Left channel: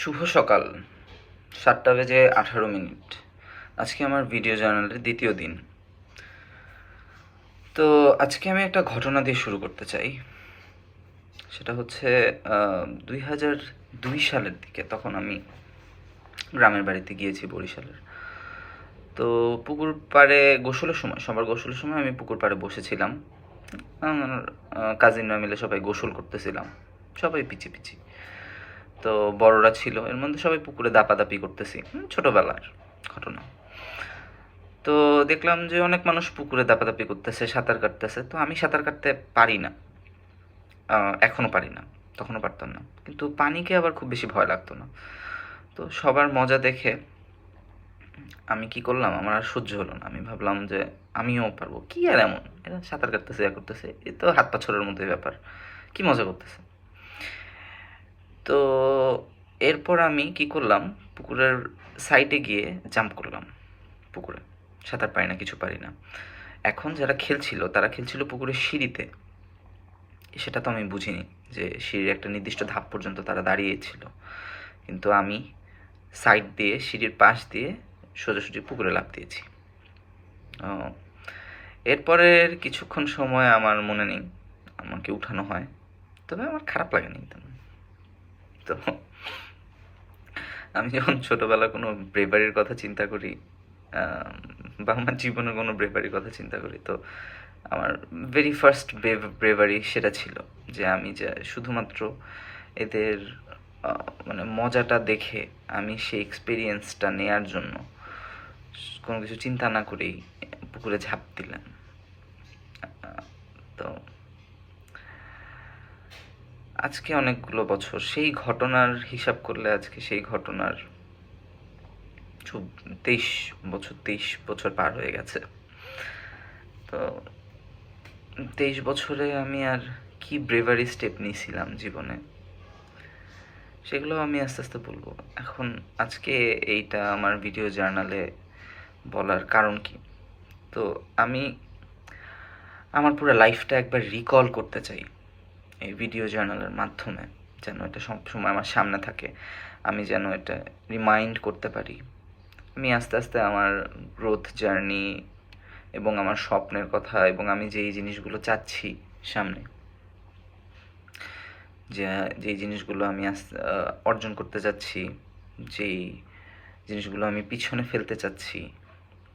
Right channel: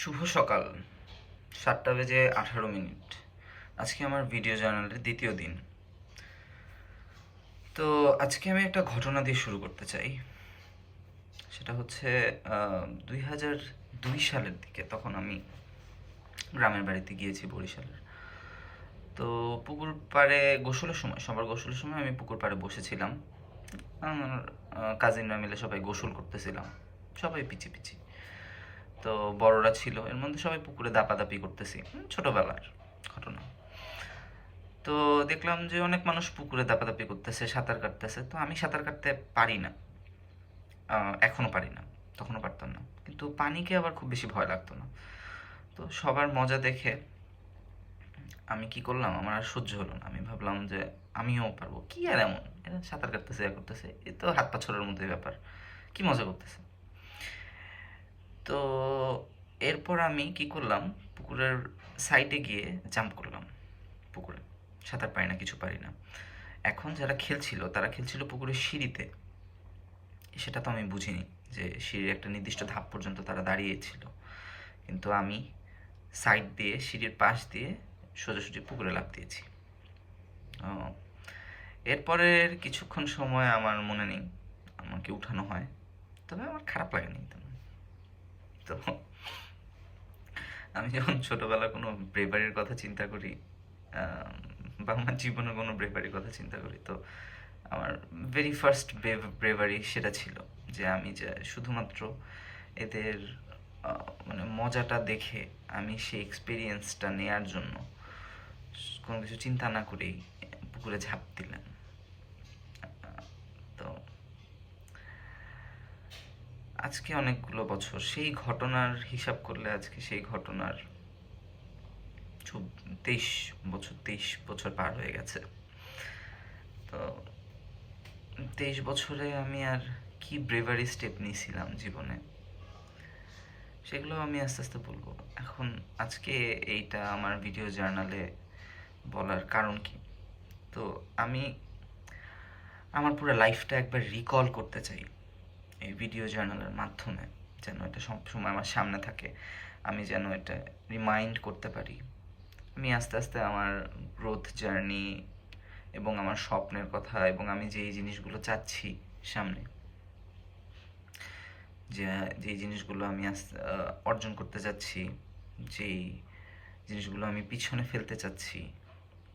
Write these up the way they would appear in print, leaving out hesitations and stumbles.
শুভ সকাল, 7:18। আজকে আমার ভিডিও জার্নালের দ্বিতীয় দিন। তো আজকে আমি একটা ঘটনা দিয়ে শুরু করতে চাই। সেটা হচ্ছে 2002 সালের দিকে। তখন আমি গ্রামের বাড়িতে গিয়েছি বরিশালের। তো পুকুর পাড়ে গোসলের সময়, সবার গোসলের সময় আমি পুকুর পাড়ে বসেছিলাম। আমার কাজিনরা মিলে সবাই গোসল করতেছিলাম, সবাই পিছি পিছি। তো বড়রা ছিল, এর মধ্যে সবাই পুকুরে দাপাদাপি করতেছি, ছোটবেলার ঘটনা। তো দেখলাম যে অনেক মানুষ পুকুরে দাপাদাপি করতেছে, সাঁতার কাটতেছে। তো আমি সাঁতার কাটতে পারি না, এখনো পারি না, তখনও পারতাম না, কিন্তু পানিকে আবার খুব বেশি ভয় লাগতো না। তো সবার মজা দেখে আমি কি করলাম, আমার আর সহ্য হলো না। আমি ভাবলাম যে আমিও পারবো, কি আর এমন, এরা সাঁতার কাটতেছে, ইয়া করতেছে, এ তো হাত পা ছোড়ার মতোই ব্যাপার, কি মজা করতেছে। তো এরপর আমি কি করলাম, পুকুরের সাইডে গিয়ে জাম্প করলাম পুকুরে। সাঁতার পারি না, কিছু পারি না। এখন যারা খেলছিল তারা খেলছিল পুকুরের সিঁড়িতে। সেটা তো আমি বুঝিনি যে সিঁড়ির একটা নির্দিষ্ট ধাপ পর্যন্ত তারা দাঁড়িয়েছিল, কিন্তু আমি সাইড দিয়ে, সিঁড়ির পাশ দিয়ে সোজাসুজি পুকুরে লাফ দিয়েছি। ও, এরপরের কিছুক্ষণ সময় আমার মনে নেই, আমাকে উঠানো হয়, তবে আমার খারাপ লাগেনি তেমন। তো আমি যখন ছোটবেলা কোনো ব্রেভারির কথা চিন্তা করি, বা আমার জীবনের কোনো ব্রেভারির কথা চিন্তা করি, তো আমার ভেরি ফার্স্ট ব্রেভারি সেটা ছিল যে আমি যে শুধুমাত্র এদের মানে মজাটা দেখে আমি সেই এক্সপিরিয়েন্সটা নেয়ার জন্য কোনো কিছু চিন্তা না করেই পুকুরে ঝাঁপ দিলাম। তো আজকে অনেকগুলো বছর, সেই ঘটনার হিসাব করলে আজকে সেই ঘটনার 23 বছর পার হয়ে গেছে। তো 23 বছরে আমি আর কি ব্রেভারি স্টেপ নিয়েছিলাম জীবনে, সেগুলো আমি আস্তে আস্তে বলবো। এখন আজকে এইটা আমার ভিডিও জার্নালে বলার কারণ কি, তো আমি আমার পুরো লাইফটা একবার রিকল করতে চাই এই ভিডিও জার্নালের মাধ্যমে, যেন এটা সবসময় আমার সামনে থাকে, আমি যেন এটা রিমাইন্ড করতে পারি। আমি আস্তে আস্তে আমার গ্রোথ জার্নি এবং আমার স্বপ্নের কথা এবং আমি যেই জিনিসগুলো চাচ্ছি সামনে, যে যেই জিনিসগুলো আমি অর্জন করতে চাচ্ছি, যেই জিনিসগুলো আমি পিছনে ফেলতে চাচ্ছি,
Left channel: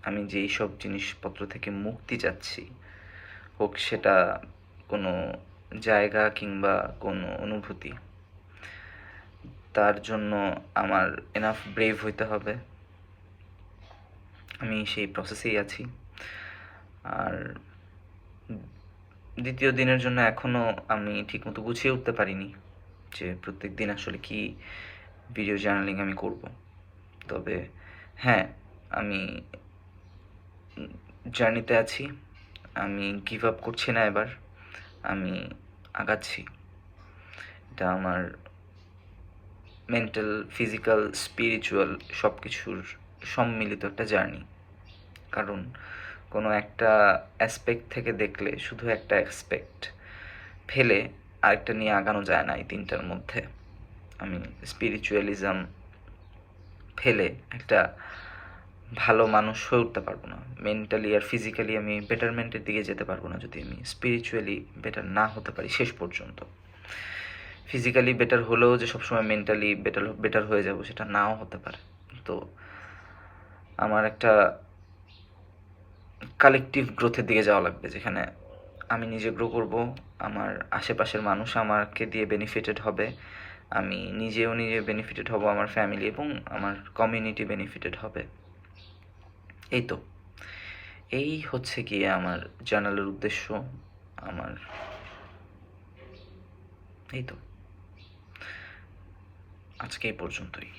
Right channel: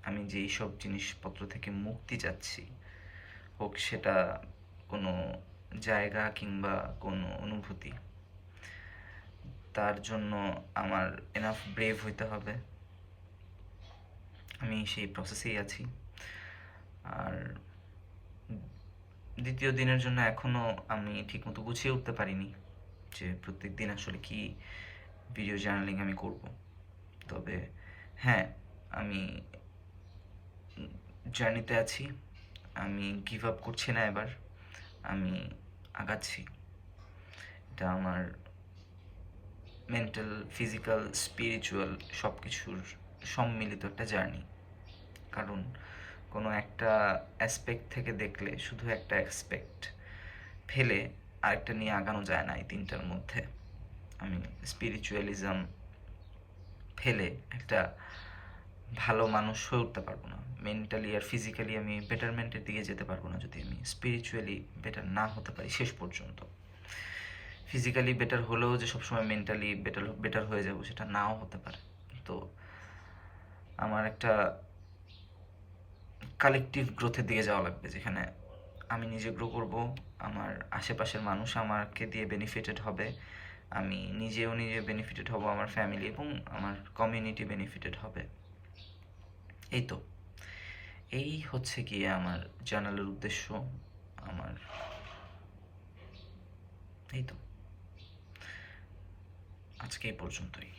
আমি যেই সব জিনিসপত্র থেকে মুক্তি চাচ্ছি, হোক সেটা কোনো জায়গা কিংবা কোনো অনুভূতি, তার জন্য আমার এনাফ ব্রেভ হইতে হবে। আমি সেই প্রসেসেই আছি। আর দ্বিতীয় দিনের জন্য এখনও আমি ঠিকমতো গুছিয়ে উঠতে পারিনি যে প্রত্যেক দিন আসলে কি ভিডিও জার্নালিং আমি করব। তবে হ্যাঁ, আমি জার্নিতে আছি, আমি গিভ আপ করছি না এবার, আমি আগাচ্ছি। এটা আমার মেন্টাল, ফিজিক্যাল, স্পিরিচুয়াল সব কিছুর সম্মিলিত একটা জার্নি। কারণ কোনো একটা অ্যাসপেক্ট থেকে দেখলে শুধু একটা অ্যাসপেক্ট ফেলে আরেকটা নিয়ে আগানো যায় না এই তিনটার মধ্যে। আমি স্পিরিচুয়ালিজম ফেলে একটা ভালো মানুষ হয়ে উঠতে পারবো না, মেন্টালি আর ফিজিক্যালি আমি বেটারমেন্টের দিকে যেতে পারবো না যদি আমি স্পিরিচুয়ালি বেটার না হতে পারি শেষ পর্যন্ত। ফিজিক্যালি বেটার হলেও যে সবসময় মেন্টালি বেটার বেটার হয়ে যাব সেটা নাও হতে পারে। তো আমার একটা কালেকটিভ গ্রোথের দিকে যাওয়া লাগবে, যেখানে আমি নিজে গ্রো করব, আমার আশেপাশের মানুষ আমাকে দিয়ে বেনিফিটেড হবে, আমি নিজে বেনিফিটেড হব, আমার ফ্যামিলি এবং আমার কমিউনিটি বেনিফিটেড হবে। এই তো, এই হচ্ছে গিয়ে আমার জার্নালের উদ্দেশ্য। আমার এই তো, আজকে এই পর্যন্তই।